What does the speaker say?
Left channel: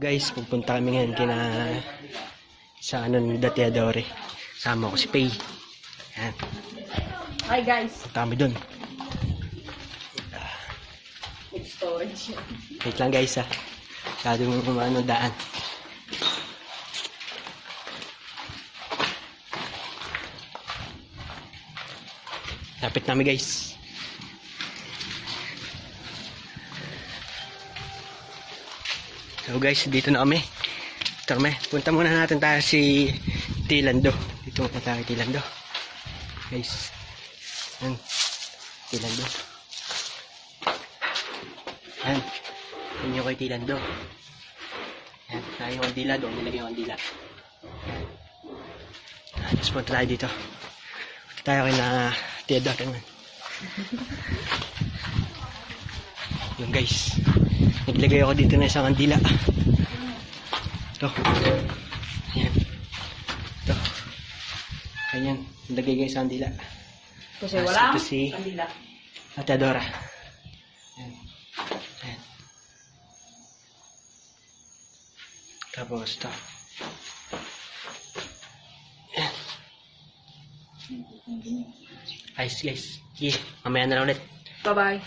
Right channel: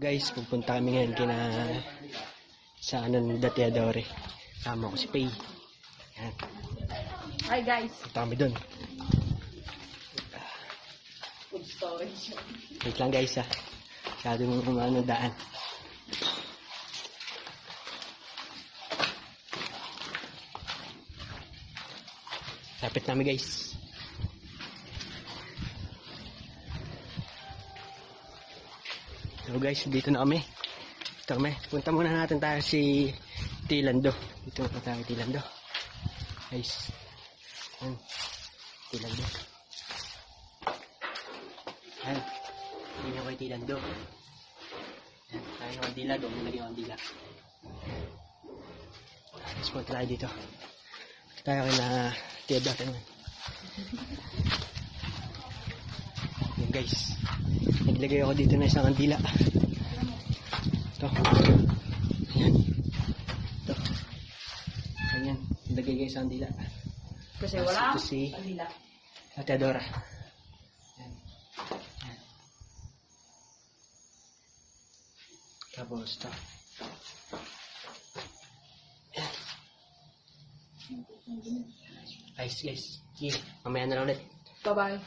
Guys, pupunta kami ngayon sa ni Dateadore. Sama ko si Pay. Yan. Hi guys. Punta kami dun. With storage. Wait lang guys ha. Masyadong umano daan. Lapit namin guys. So guys, dito na kami. Dito kami. Punta muna natin tayo si Tilando. Dito muna tayo Tilando. Guys. Yan. Tilando. Yan. Yan yung kay Tilando. Yan. Tayo yung kandila. Doon nilagay yung kandila. Yan. Tapos punta tayo dito. Punta tayo kay na Teodoro naman. Yung guys. Naglagay ako dito na isang kandila. Ito. Ayan. Ito. Ayan. Naglagay ko isang kandila. Kasi wala. Ito si Kanila. Ate Adora. Ayan. Ayan. Tapos ito. Ayan. Ayos guys. Yeah. Mamaya na lang ulit. Bye bye.